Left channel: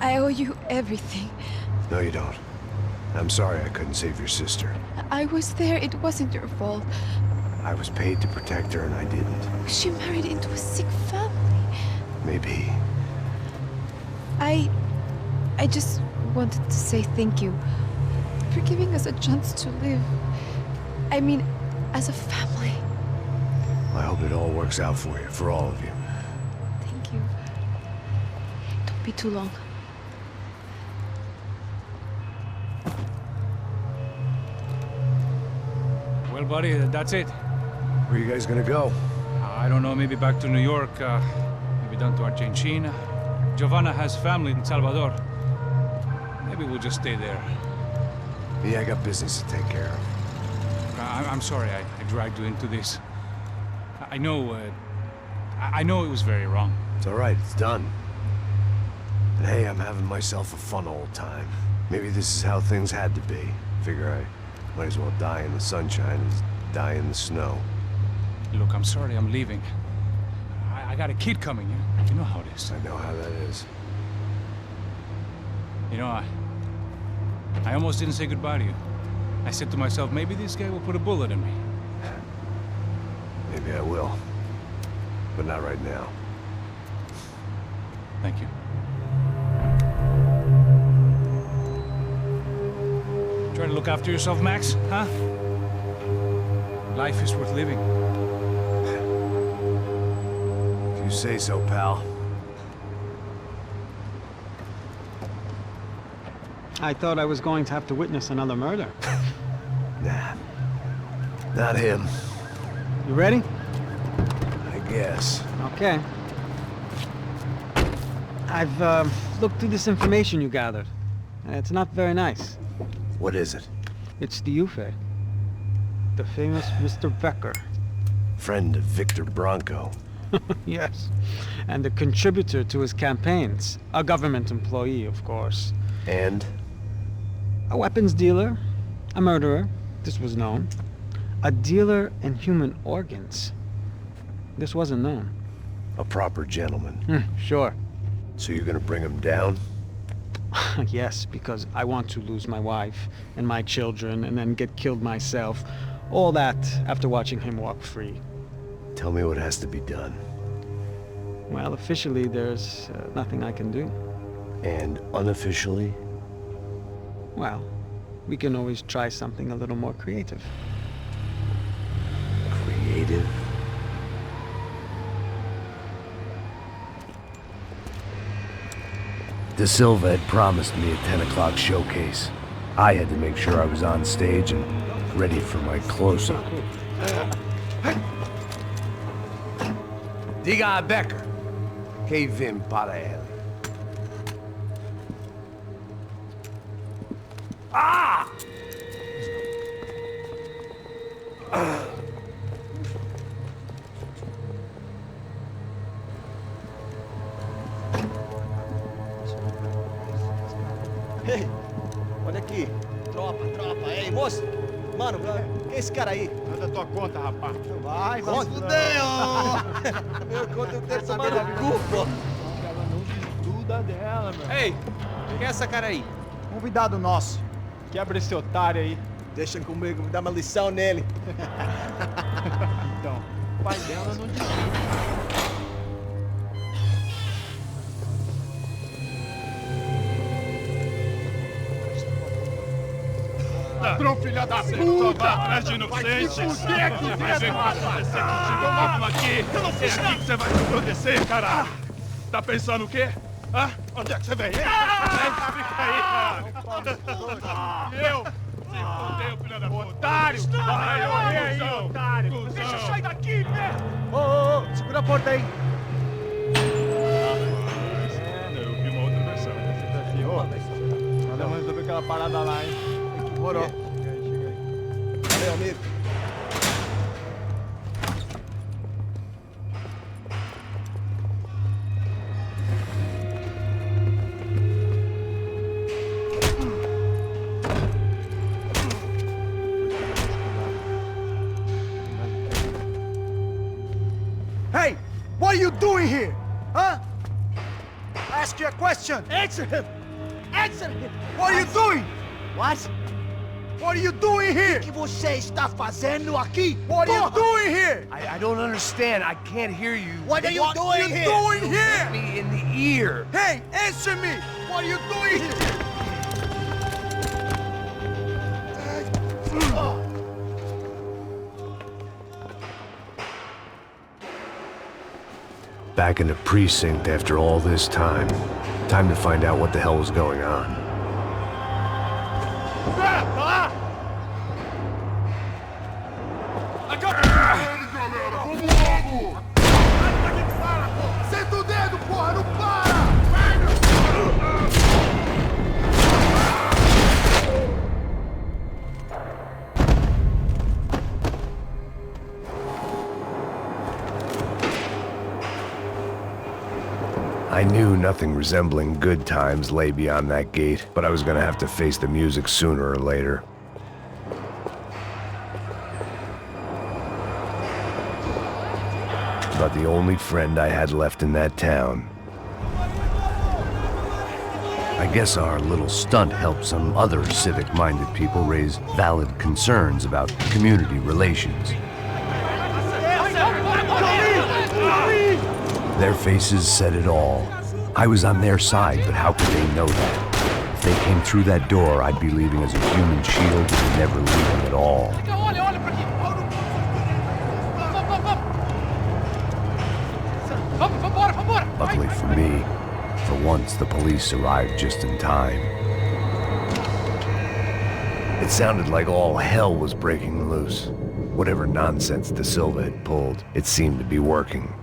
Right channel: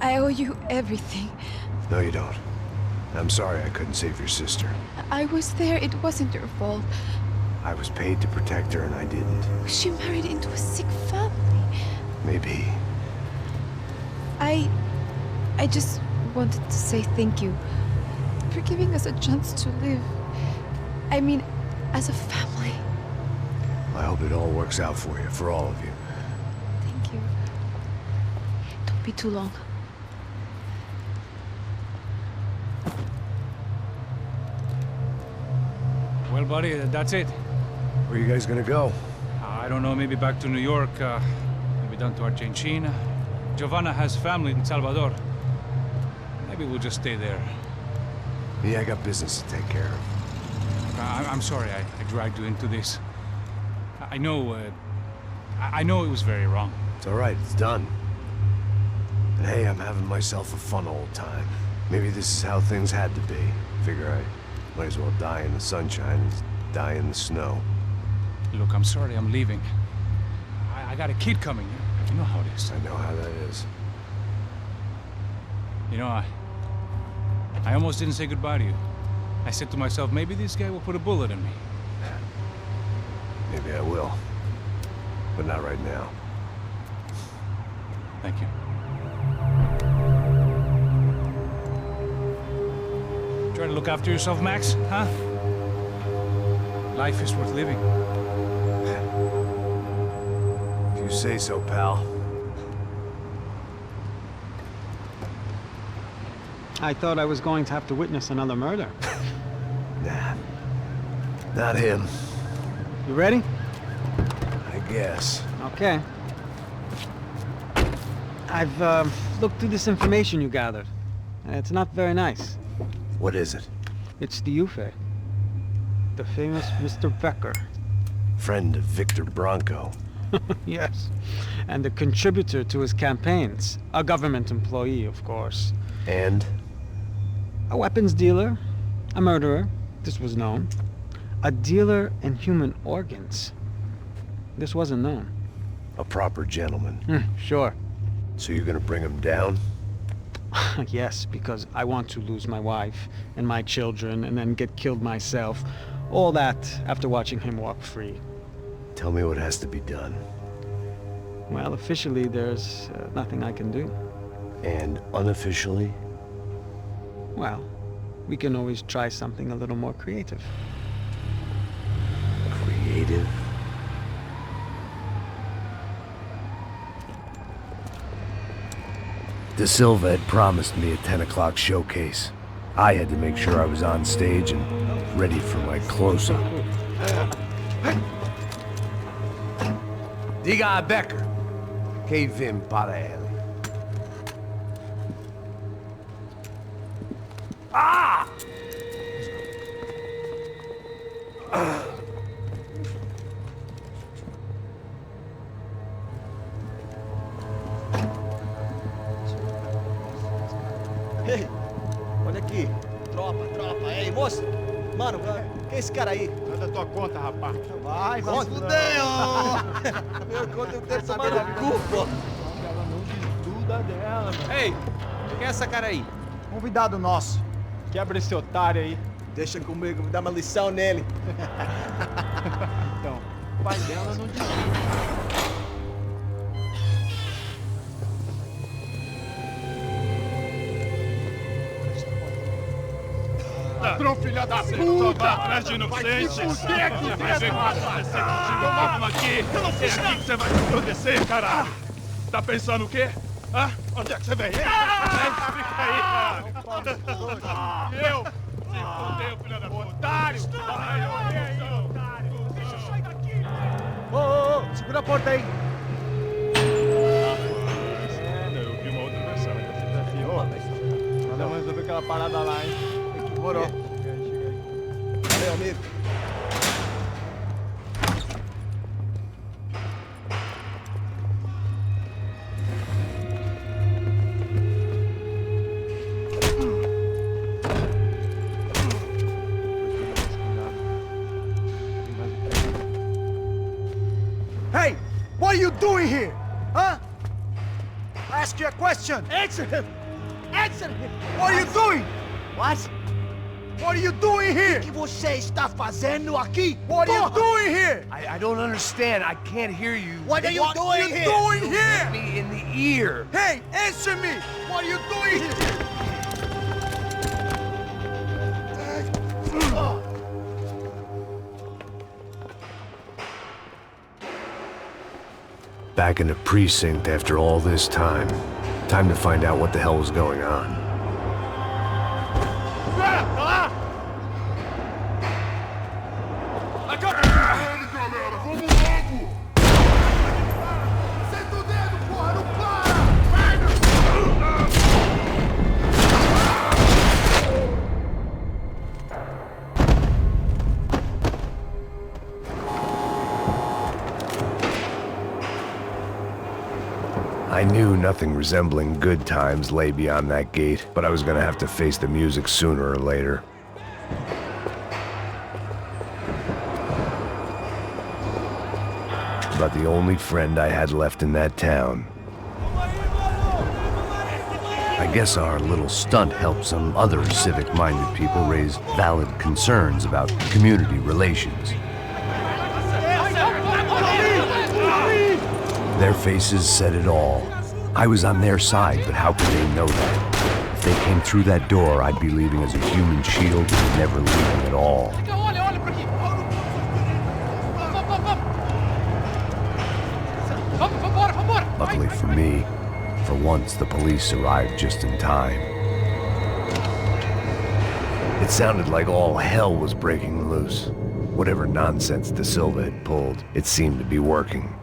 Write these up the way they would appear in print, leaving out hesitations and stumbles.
I owe you everything. No, you don't. I'm sorry I couldn't save your sister. I was there. It wasn't your fault. I was paid to protect her and I didn't. She married into a sick family. Maybe. I just wanted to say thank you for giving us a chance to live. I mean, as a family. I hope it all works out for you, for all of you. Thank you. Don't be too long. Well, buddy, that's it. Where are you guys gonna go? I don't know, maybe back to New York, maybe down to Argentina. Giovanna has family in Salvador. Maybe we'll just stay there. Yeah, I got business to take care of. I'm sorry I dragged you into this. I know it was very wrong. It's all right, it's done. And hey, I'm having myself a fun old time. Maybe this is how things had to be. Figure I might as well die in the sunshine as die in the snow. Look, I'm sorry I'm leaving. I got a kid coming, you know how it is. I know how that is. You know, I almost didn't say goodbye to you. I said to myself, maybe this guy will put a bullet in me. Maybe I will. But not right now. Thank you. Try to look after yourself, Max, huh? Life is worth living. If you say so, pal. I thought I was going to have to witness another murder. Nah. Not him. You ready? I guess. Okay. I've looked through this information you gathered. It's not very nice. What is it? It's the Euphoria. The famous Mr. Becker. Friend of Victor Branco. Yes. And a contributor to his campaigns. A government employee, of course. And? A weapons dealer. A murderer. This was known. A dealer in human organs. This wasn't known. A proper gentleman. Sure. So you're gonna bring him down? Yes, because I want to lose my wife and my children and then get killed myself. All that after watching him walk free. Tell me what has to be done. Well, officially, there's nothing I can do. And unofficially? Well, we can always try something a little more creative. Creative? De Silva had promised me a 10 o'clock showcase. I had to make sure I was on stage and ready for my close-up. Diga a Becker. Que vim para ele. Ah! Ei, olha aqui. Tropa. Ei, moço. Mano, quem é esse cara aí? Manda tua conta, rapaz. Vai fudeu! Meu conta eu tenho tomar no cu, pô. Ela não desgruda dela, meu. Ei, quem é essa cara aí? Convidado nosso. Quebra esse otário aí. Deixa comigo, vou dar uma lição nele. Então, o pai dela não desgruda. Ladrão, filha da puta! Vai atrás de inocentes! Vai ver o que vai acontecer contigo mesmo aqui! É aqui que você vai se proteger, caralho! Tá pensando o quê? Hã? Onde é que você vem? Fica aí, caralho! Eu? Se fodeu, filha da puta! Otário! Vai morrer aí, otário! Deixa eu sair daqui, né? Ô, segura a porta aí. Eu vi uma outra versão. Vamos resolver aquela parada lá, hein? Demorou. Chega aí. Valeu, amigo. doing here? Huh? I ask you a question. Answer him! Answer him! What are you doing? What? What are you doing here? O que você está fazendo aqui? What are you doing here? I don't understand. I can't hear you. What are you doing here? What are you doing here? Me in the ear. Hey, answer me! What are you doing here? Back in the precinct after all this time. Time to find out what the hell was going on. Senta o dedo, porra! Não para! I knew nothing resembling good times lay beyond that gate, but I was gonna have to face the music sooner or later. About the only friend I had left in that town. I guess our little stunt helped some other civic-minded people raise valid concerns about community relations. Their faces said it all. I was on their side, but how could they know that? If they came through that door, I'd be leaving as a human shield and never leaving at all. Luckily for me, for once the police arrived just in time. It sounded like all hell was breaking loose. Whatever nonsense De Silva had pulled, it seemed to be working.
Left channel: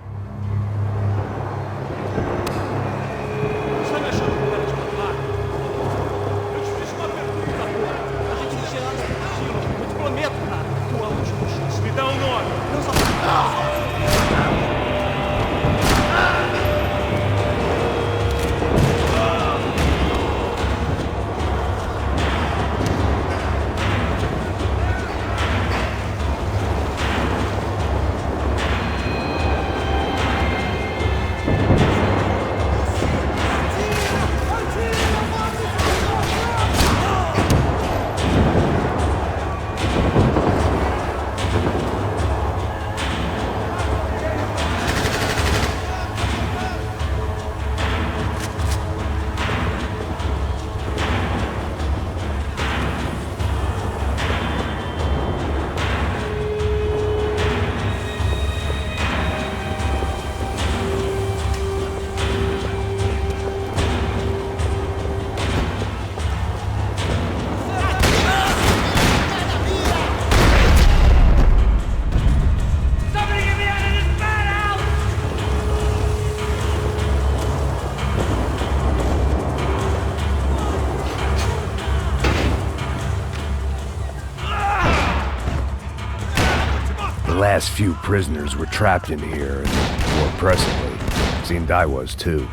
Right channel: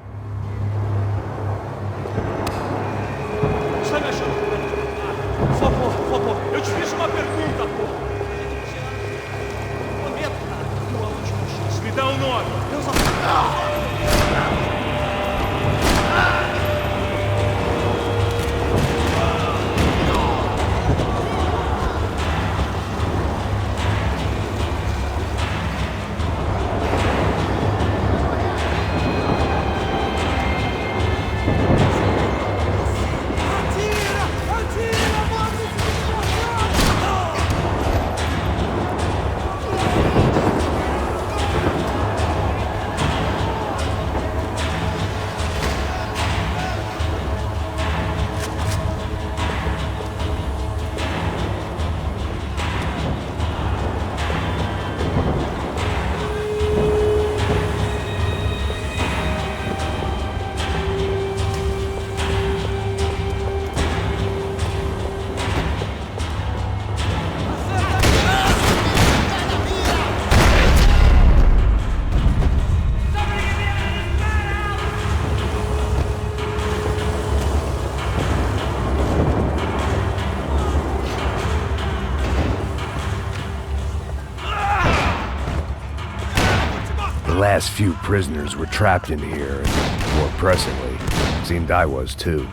The last few prisoners were trapped in here, and more pressingly, it seemed I was too.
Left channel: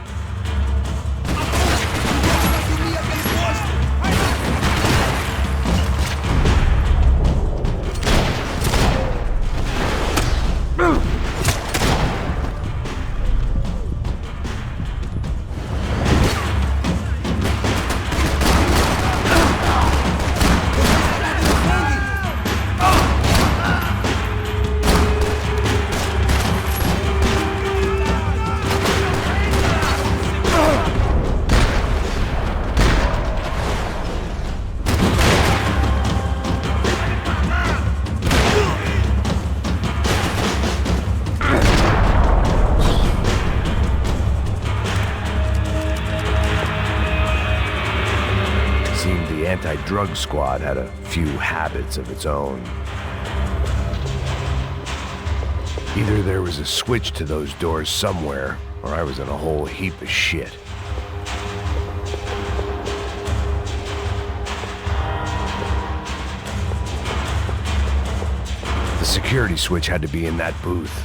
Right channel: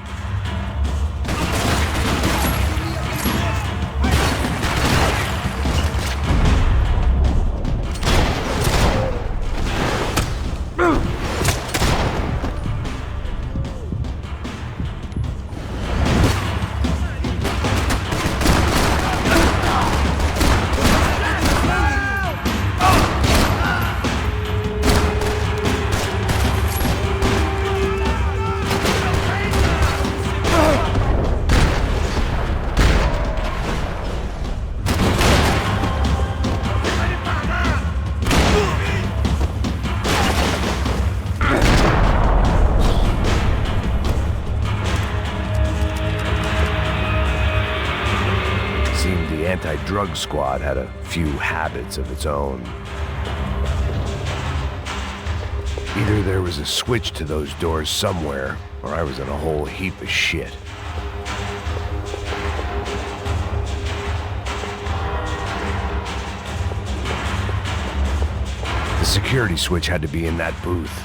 Seemed the anti-drug squad had a few habits of its own. Either there was a switch to those doors somewhere, or I was in a whole heap of shit. The security switch had to be in that booth.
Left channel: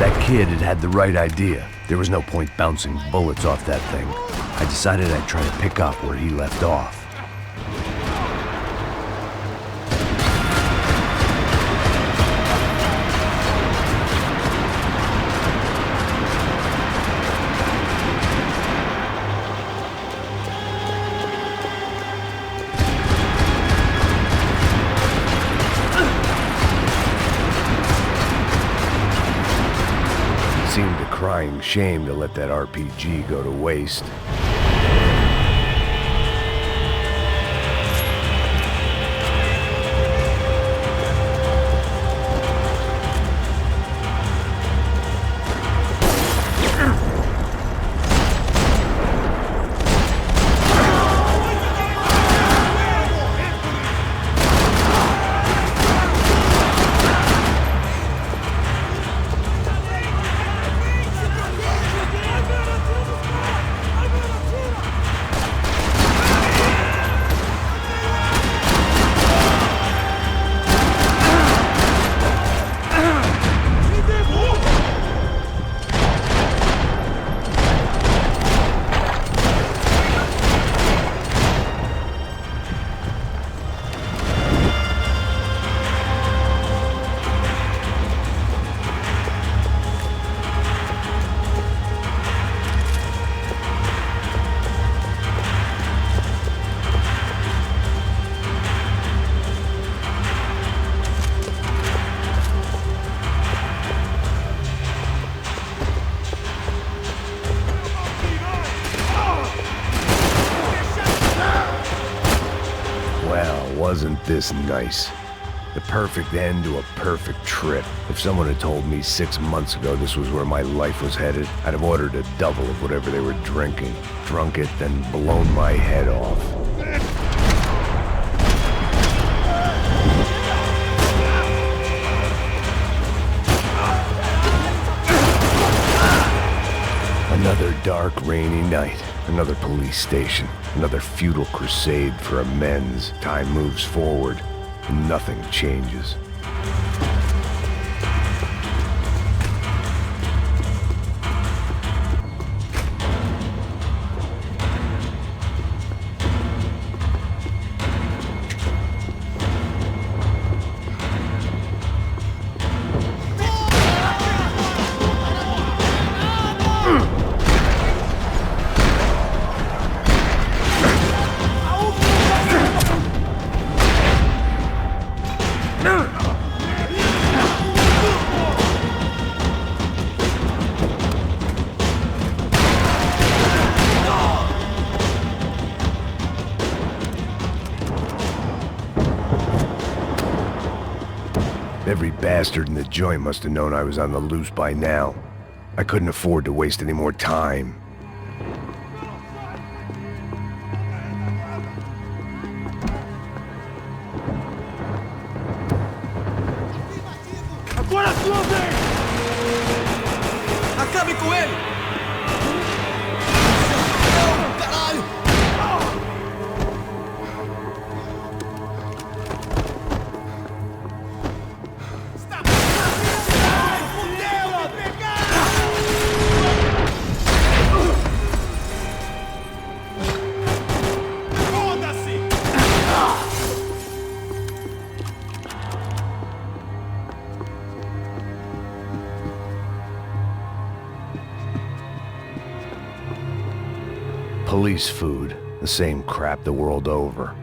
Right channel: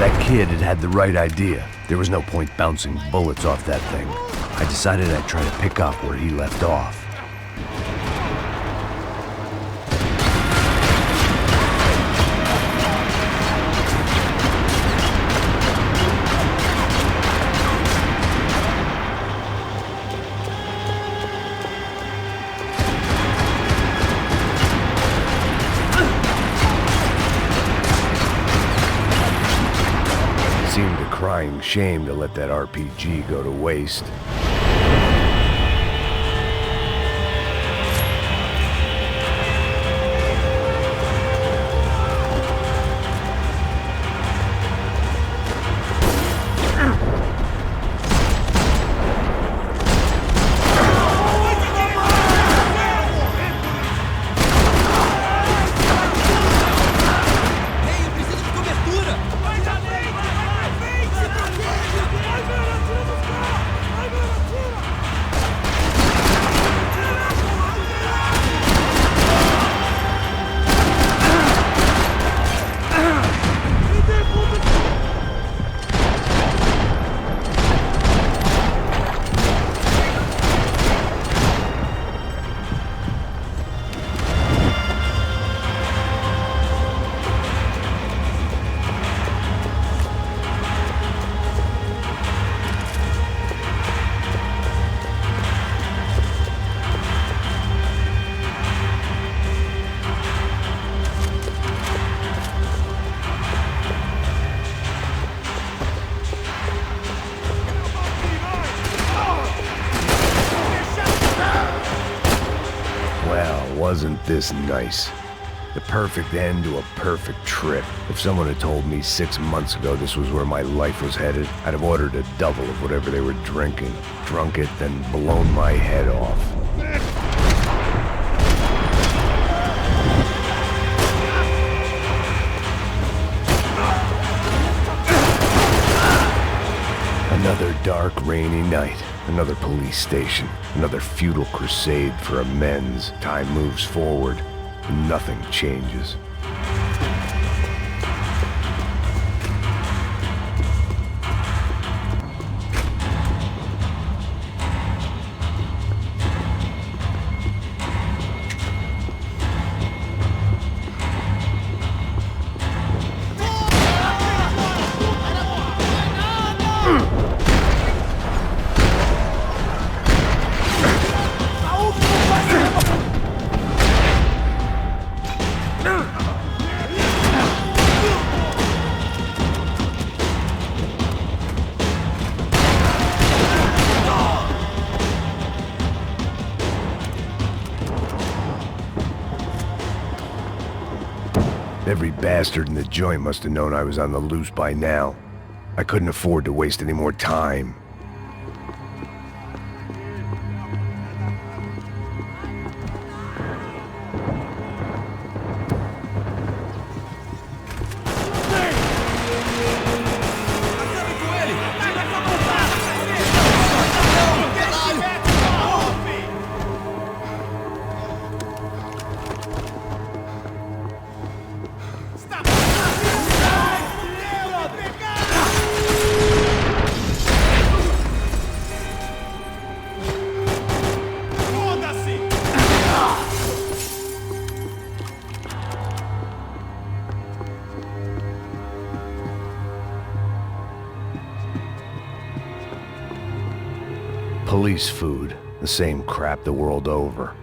That kid had had the right idea. There was no point bouncing bullets off that thing. I decided I'd try to pick up where he left off. Seemed a crying shame to let that RPG go to waste. Wasn't this nice? The perfect end to a perfect trip. If someone had told me 6 months ago this was where my life was headed, I'd have ordered a double of whatever they were drinking, drunk it, then blown my head off. Another dark, rainy night. Another police station. Another futile crusade for amends. Time moves forward, and nothing changes. Every bastard in the joint must have known I was on the loose by now. I couldn't afford to waste any more time. Acabe com ele! Caralho! Police food, the same crap the world over.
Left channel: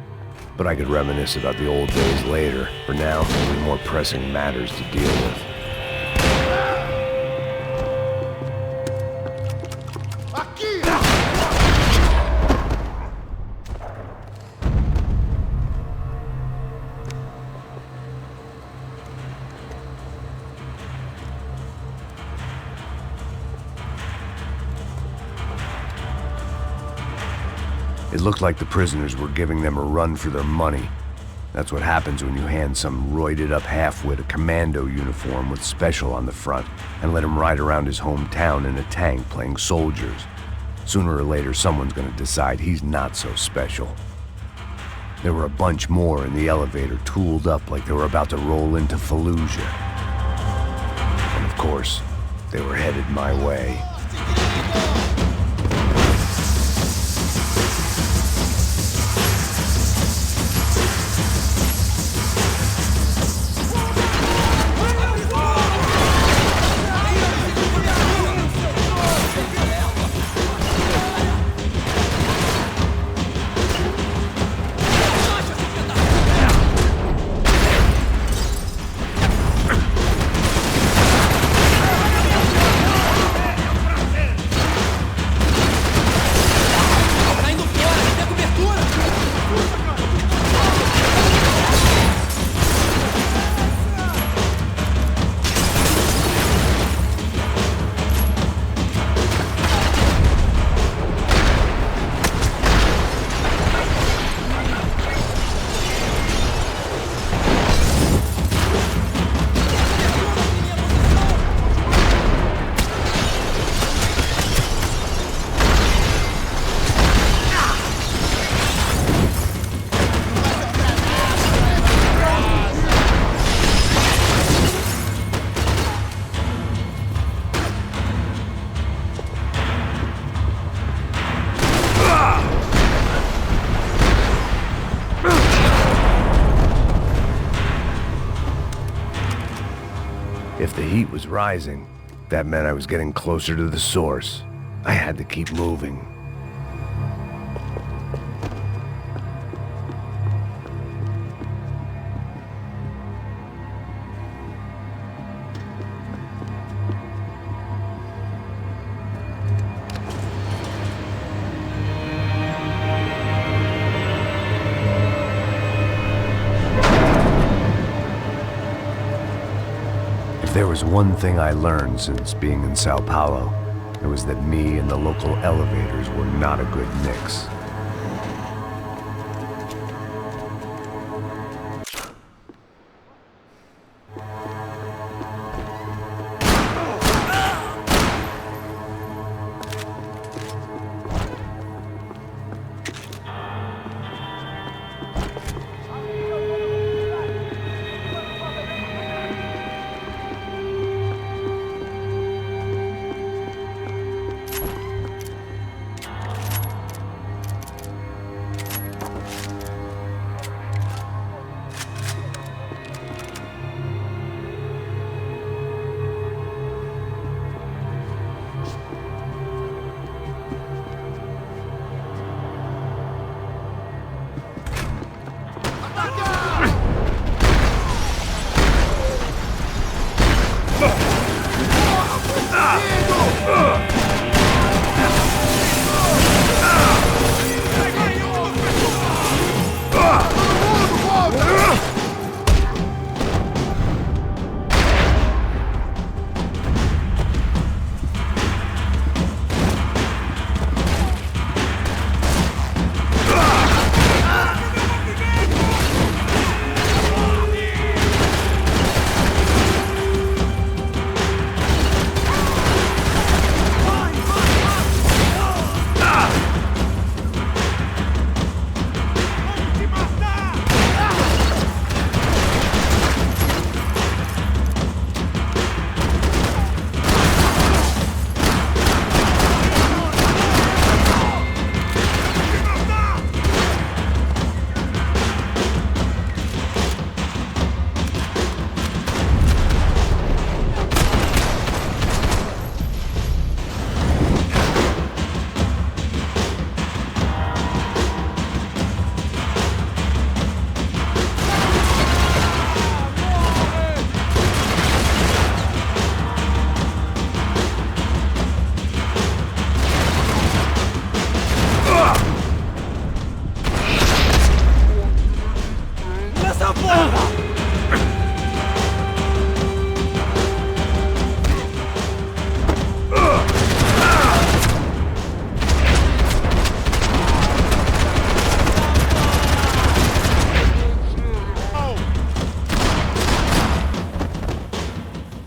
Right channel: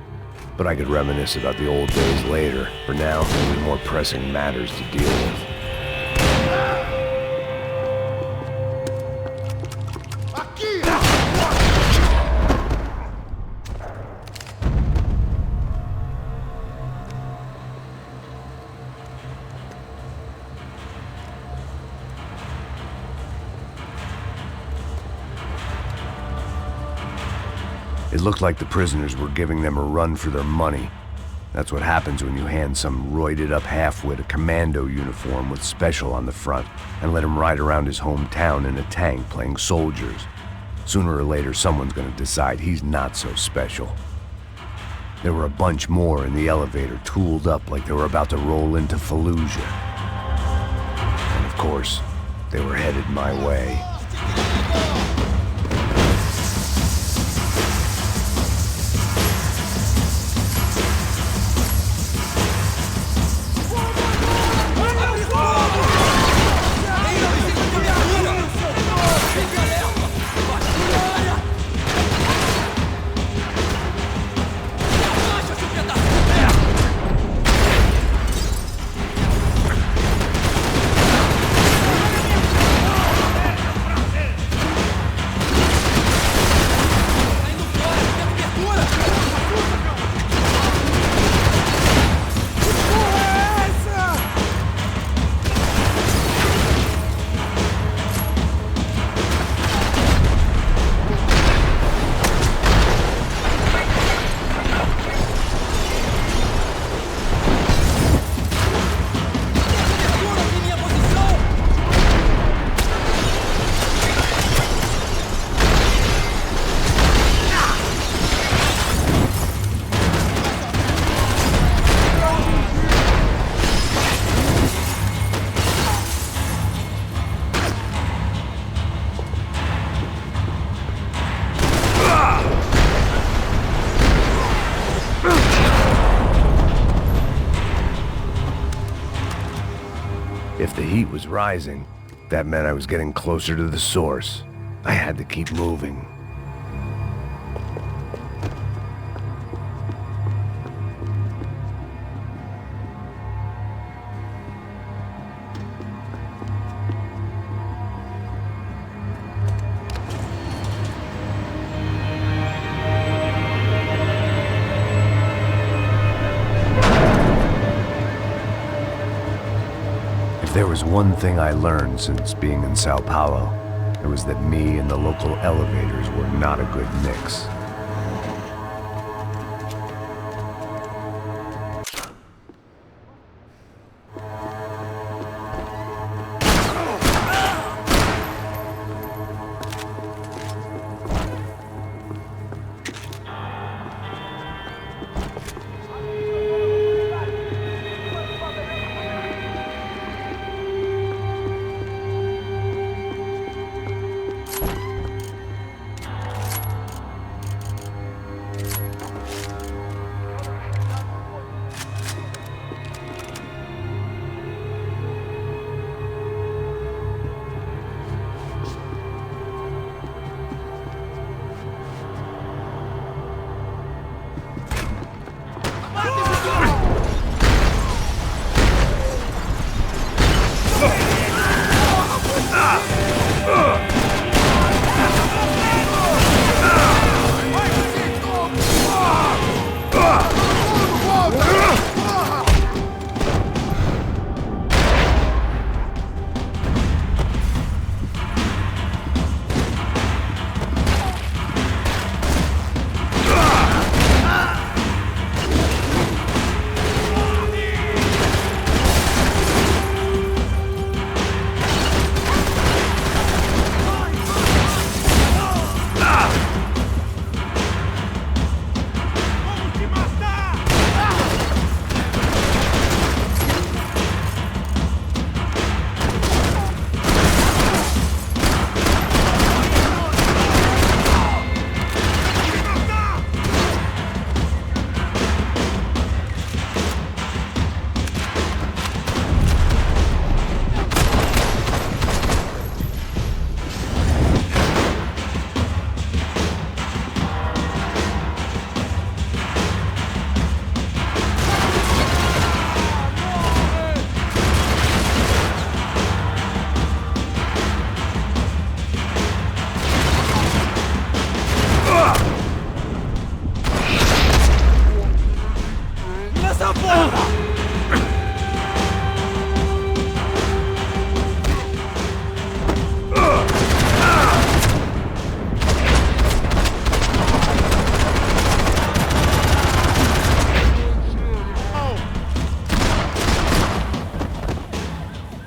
But I could reminisce about the old days later. For now, only more pressing matters to deal with. It looked like the prisoners were giving them a run for their money. That's what happens when you hand some roided-up halfwit a commando uniform with special on the front and let him ride around his hometown in a tank playing soldiers. Sooner or later, someone's gonna decide he's not so special. There were a bunch more in the elevator, tooled up like they were about to roll into Fallujah. And of course, they were headed my way. If the heat was rising, that meant I was getting closer to the source. I had to keep moving. If there was one thing I learned since being in São Paulo, it was that me and the local elevators were not a good mix.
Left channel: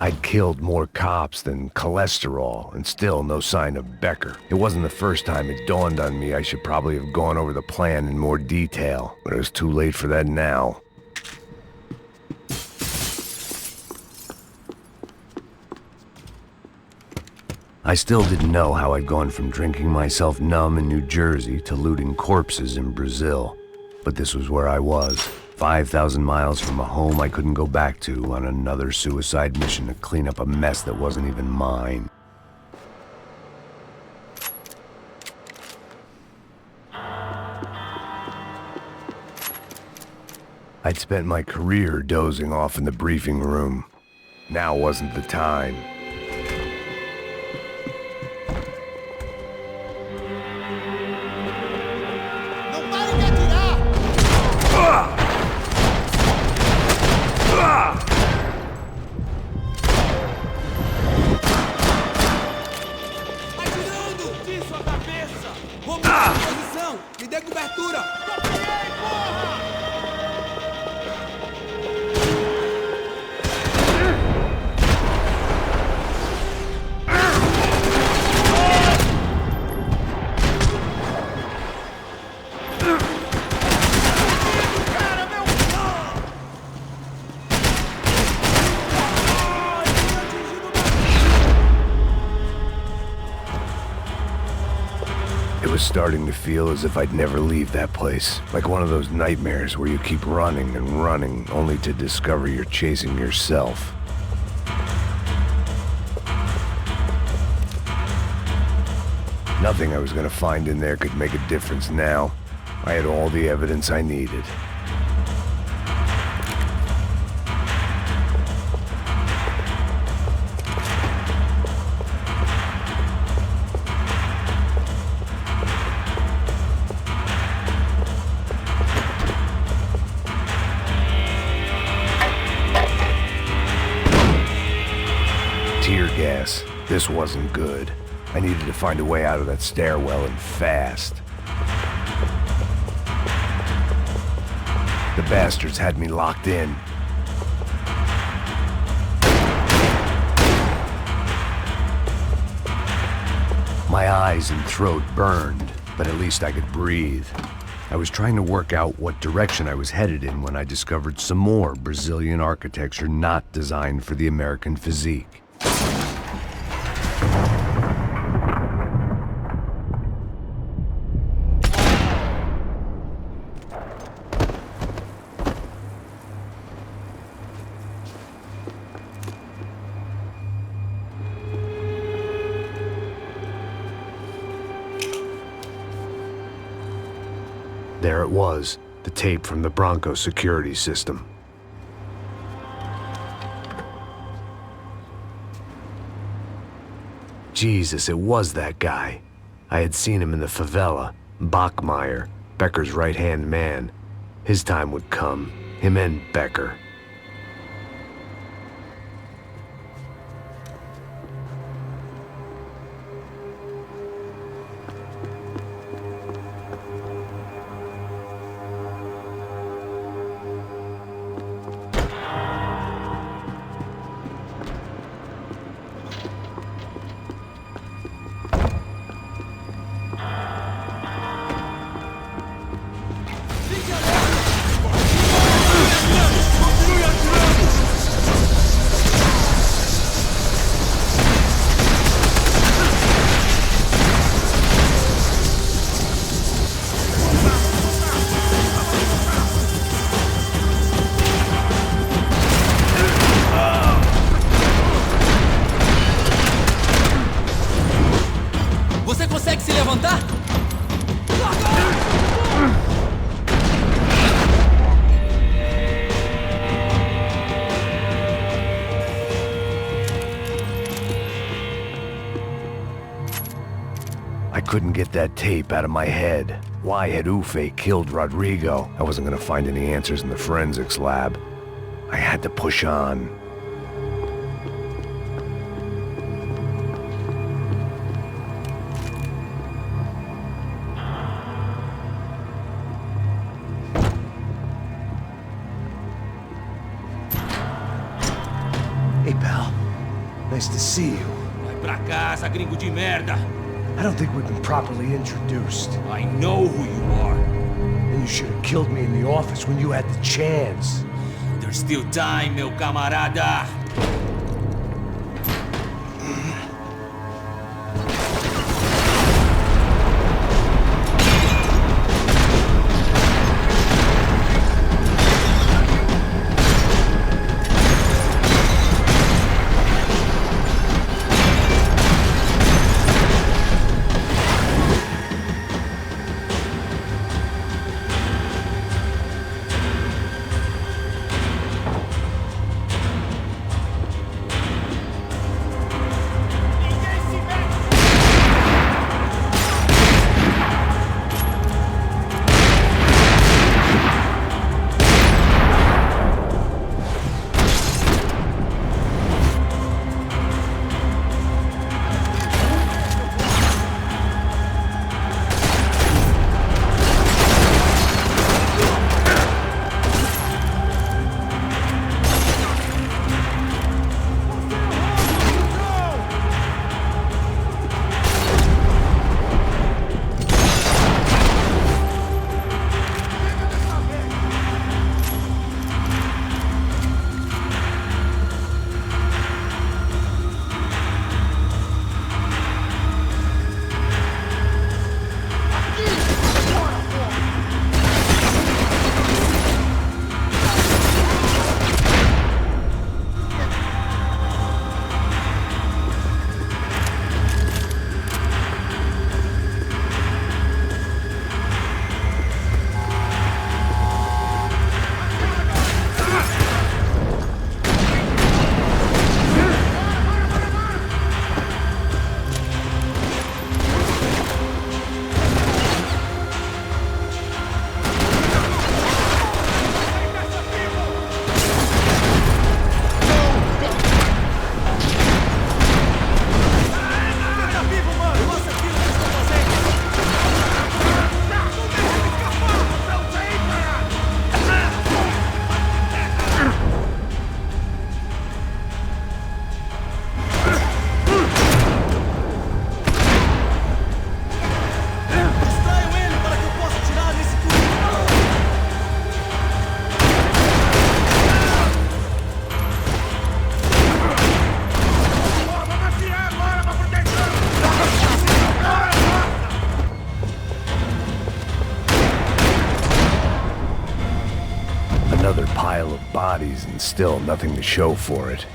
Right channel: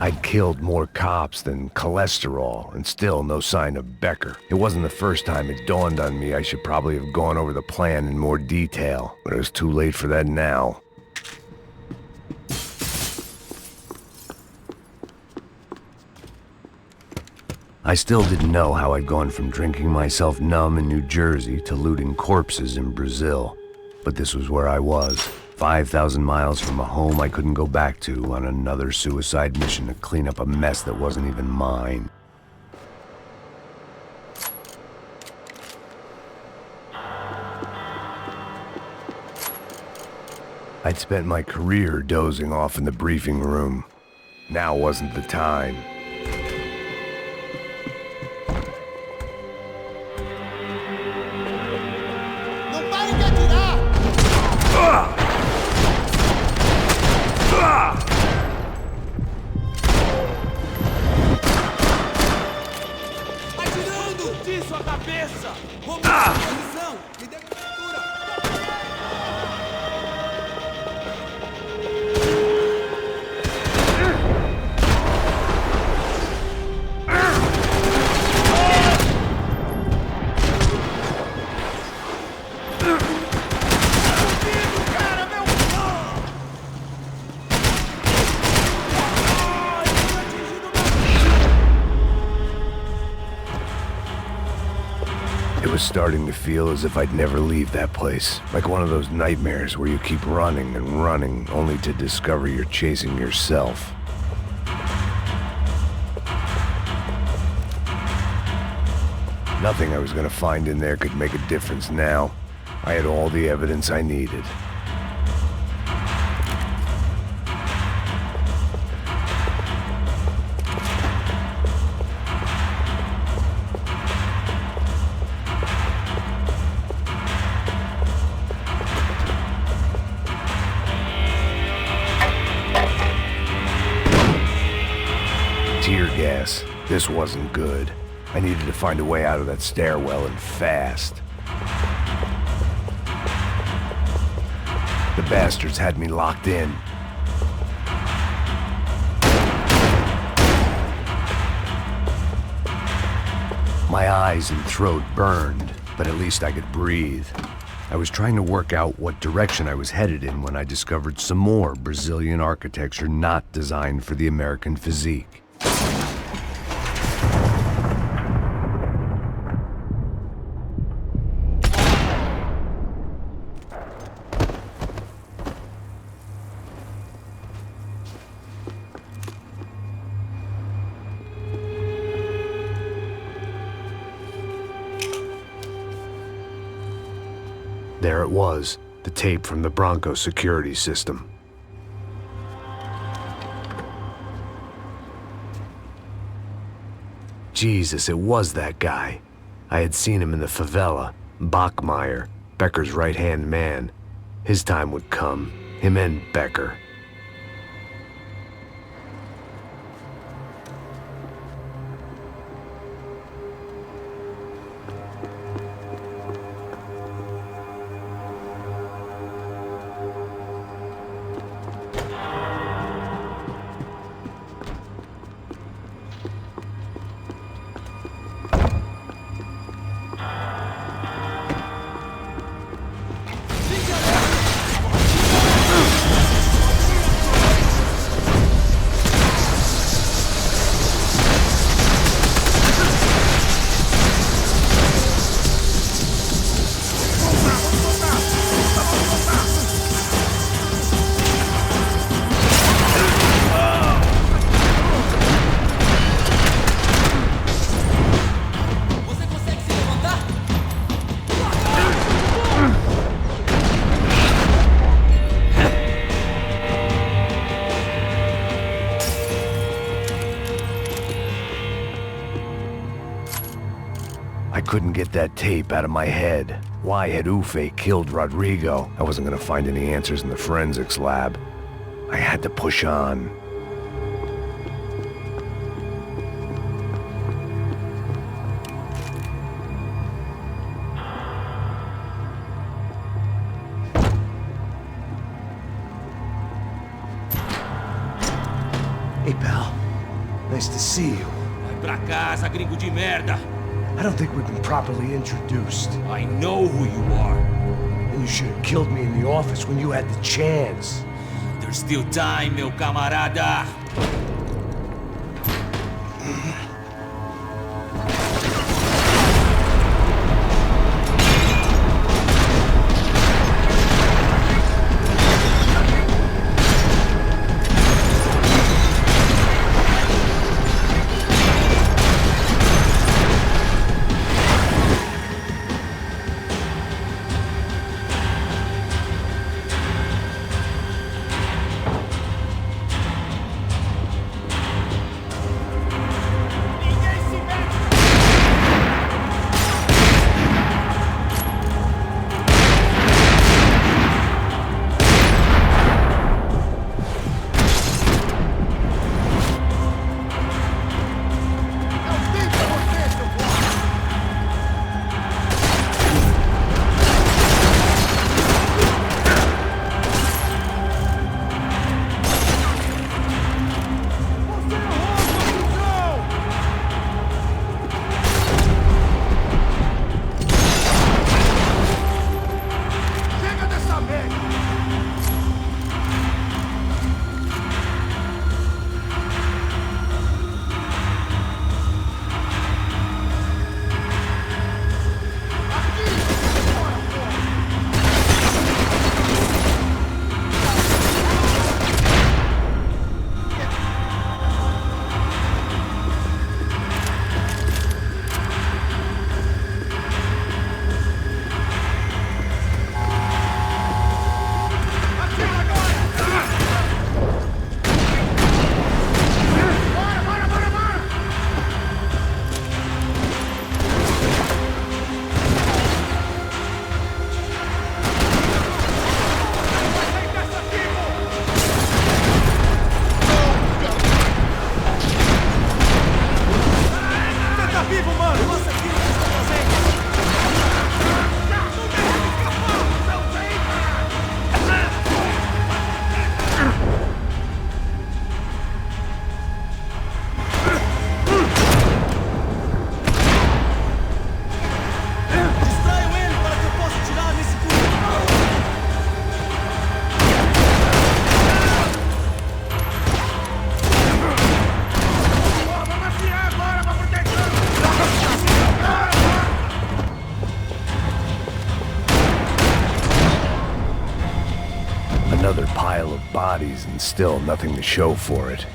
I'd killed more cops than cholesterol, and still no sign of Becker. It wasn't the first time it dawned on me I should probably have gone over the plan in more detail, but it was too late for that now. I still didn't know how I'd gone from drinking myself numb in New Jersey to looting corpses in Brazil. But this was where I was, 5,000 miles from a home I couldn't go back to, on another suicide mission to clean up a mess that wasn't even mine. I'd spent my career dozing off in the briefing room. Now wasn't the time. It was starting to feel as if I'd never leave that place. Like one of those nightmares where you keep running and running, only to discover you're chasing yourself. Nothing I was gonna find in there could make a difference now. I had all the evidence I needed. Tear gas. This wasn't good. I needed to find a way out of that stairwell and fast. The bastards had me locked in. My eyes and throat burned, but at least I could breathe. I was trying to work out what direction I was headed in when I discovered some more Brazilian architecture not designed for the American physique. There it was, the tape from the Branco security system. Jesus, it was that guy. I had seen him in the favela, Bachmeyer, Becker's right-hand man. His time would come, him and Becker. I couldn't get that tape out of my head. Why had Ufe killed Rodrigo? I wasn't gonna find any answers in the forensics lab. I had to push on. Hey, pal. Nice to see you. Vai pra casa, gringo de merda. I don't think we've been properly introduced. I know who you are. And you should have killed me in the office when you had the chance. There's still time, meu camarada. Another pile of bodies and still nothing to show for it.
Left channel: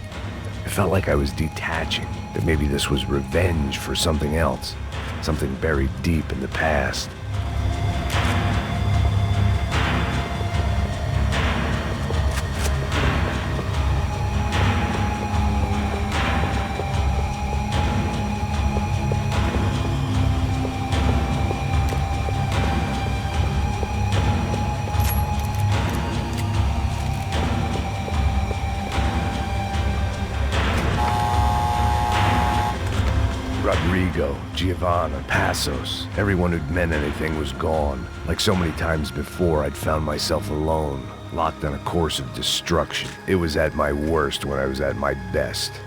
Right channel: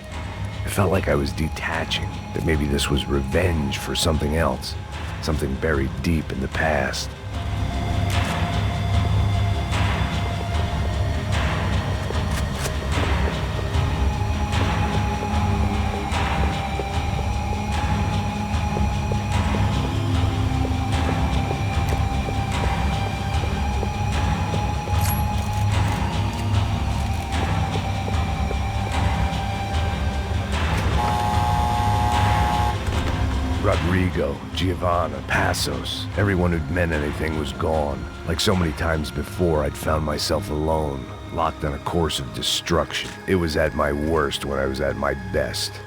It felt like I was detaching, that maybe this was revenge for something else, something buried deep in the past. Rodrigo, Giovanna, Passos, everyone who'd meant anything was gone. Like so many times before, I'd found myself alone, locked on a course of destruction. It was at my worst when I was at my best.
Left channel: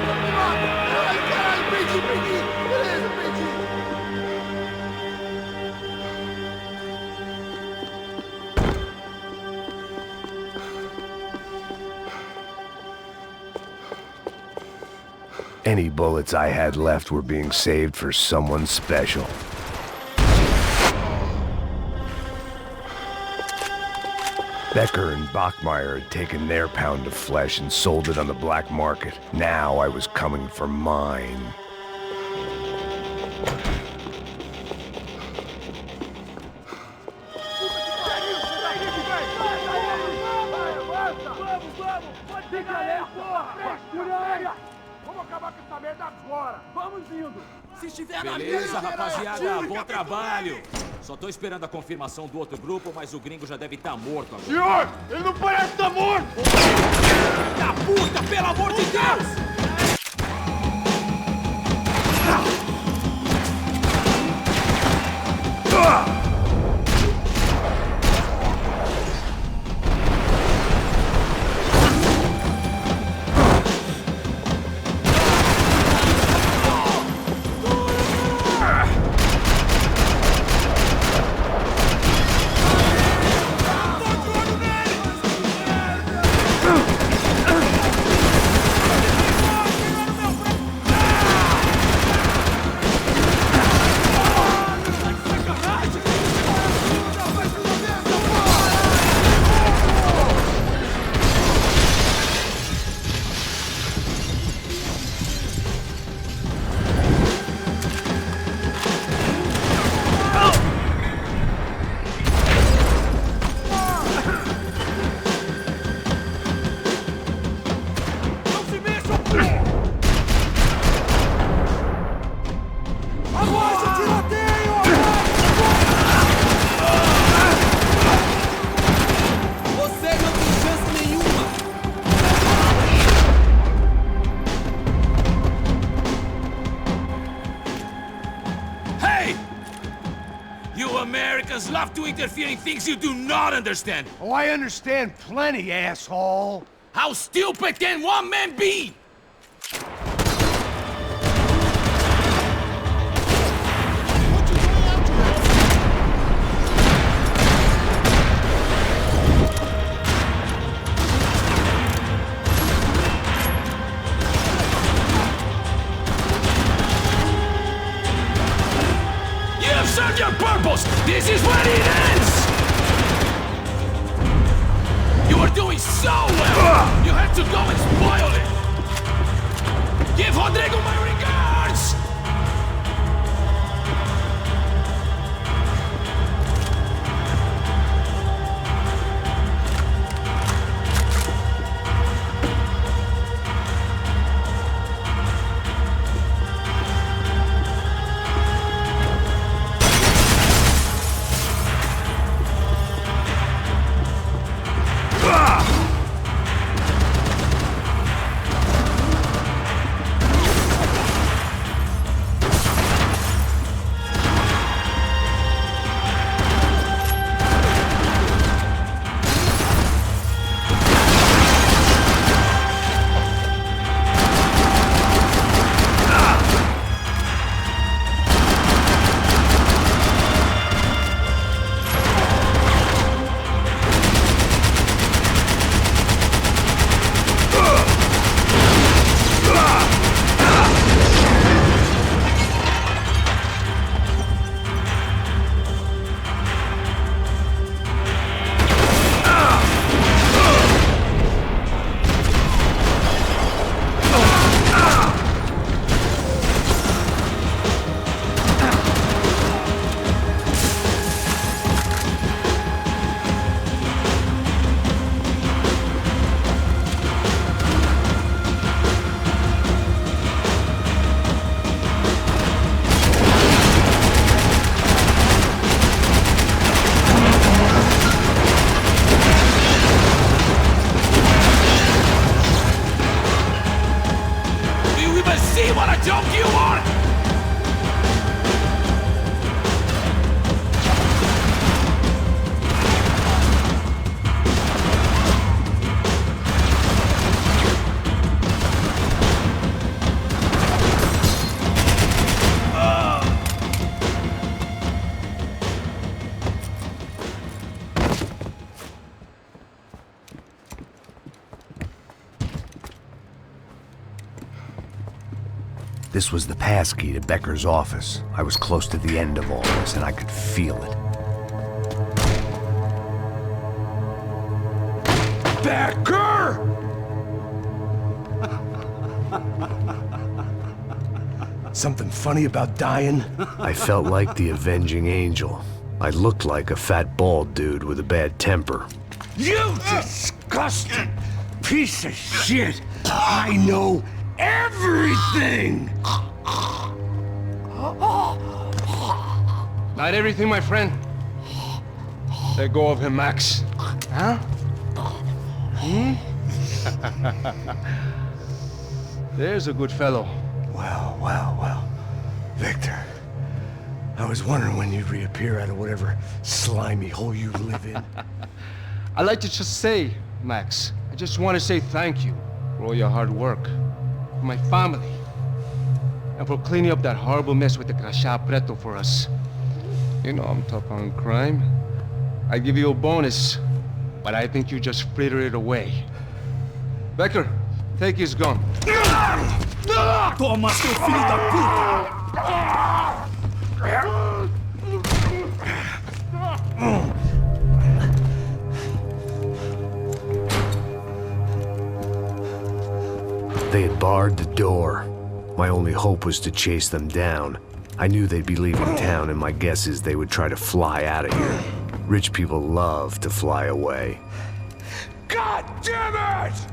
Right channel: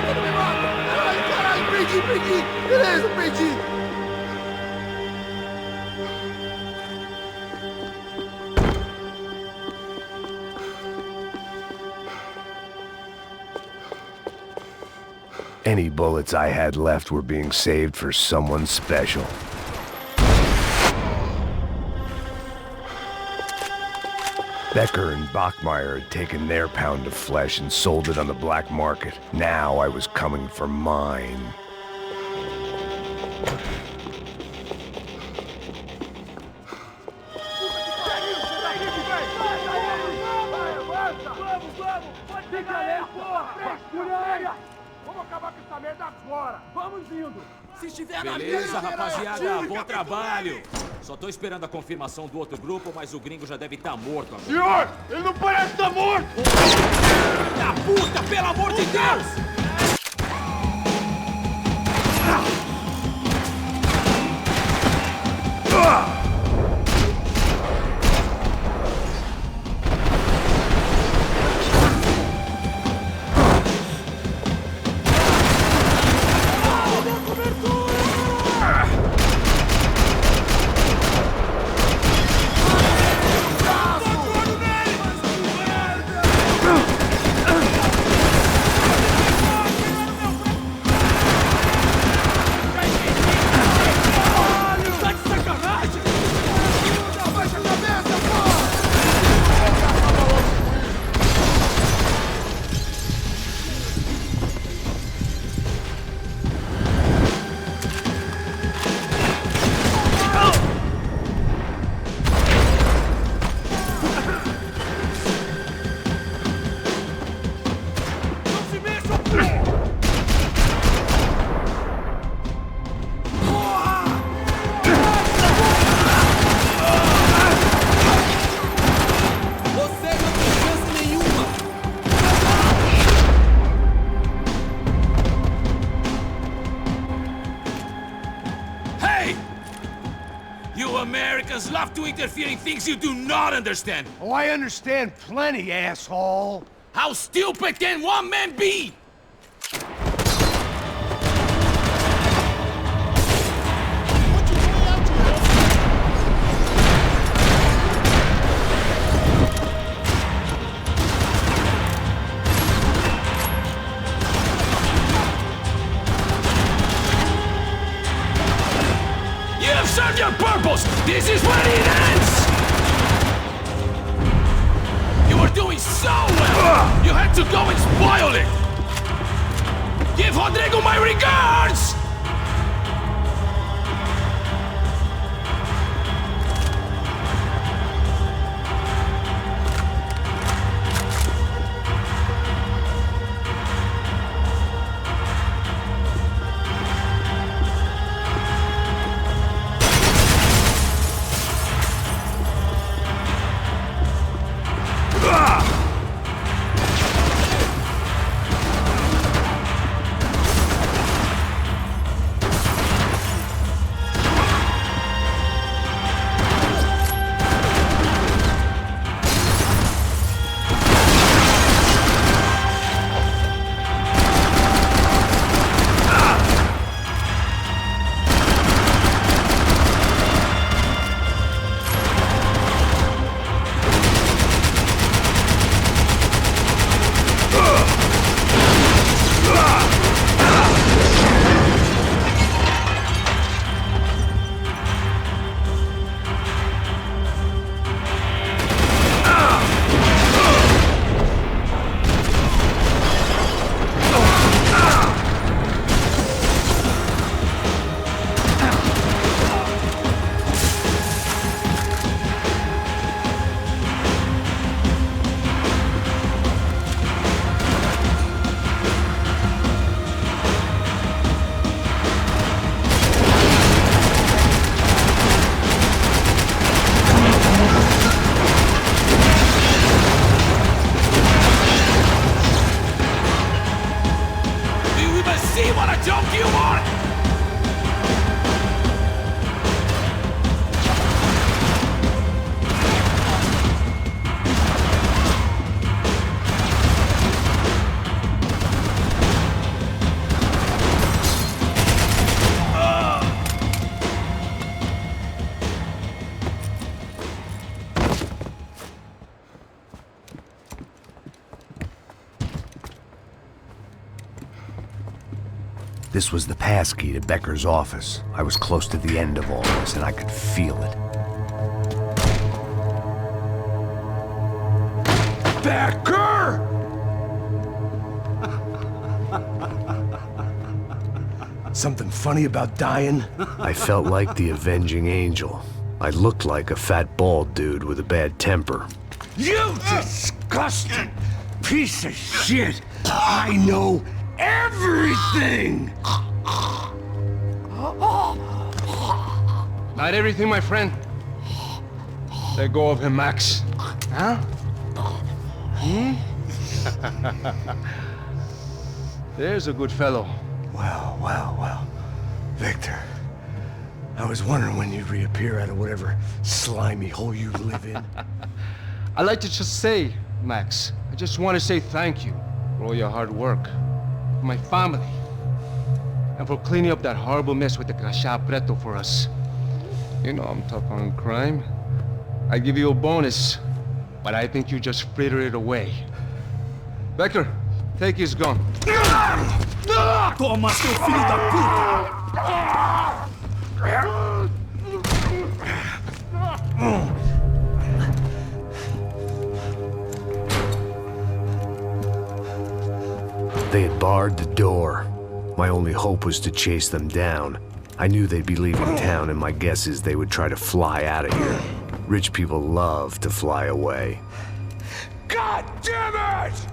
mata, não me mata! Caralho, caralho, perdi! Beleza, perdi! Any bullets I had left were being saved for someone special. Becker and Bachmeyer had taken their pound of flesh and sold it on the black market. Now I was coming for mine. Vamos acabar com essa merda agora! Vamos indo! Se estiver na Beleza, rapaziada, bom trabalho. Só tô esperando a confirmação do outro grupo, mas o gringo já deve estar morto agora. Senhor, ele não parece estar morto! Da puta, pelo amor de Deus! Americans love to interfere in things you do not understand. Oh, I understand plenty, asshole. How stupid can one man be? You have served your purpose! This is where it ends! You were doing so well! You had to go and spoil it! Give Rodrigo my regards! See what a joke you are! This was the passkey to Becker's office. I was close to the end of all this, and I could feel it. Becker! Something funny about dying? I felt like the avenging angel. I looked like a fat bald dude with a bad temper. You disgusting piece of shit! I know everything! Not everything, my friend. Let go of him, Max. Huh? There's a good fellow. Well. Victor, I was wondering when you'd reappear out of whatever slimy hole you live in. I'd like to just say, Max, I just want to say thank you for all your hard work, for my family, and for cleaning up that horrible mess with the crachá preto for us. You know I'm tough on crime. I give you a bonus, but I think you just fritter it away. Becker, take his gun. Toma, seu filho da puta! They had barred the door. My only hope was to chase them down. I knew they'd be leaving town, and my guess is they would try to fly out of here. Rich people love to fly away. God damn it!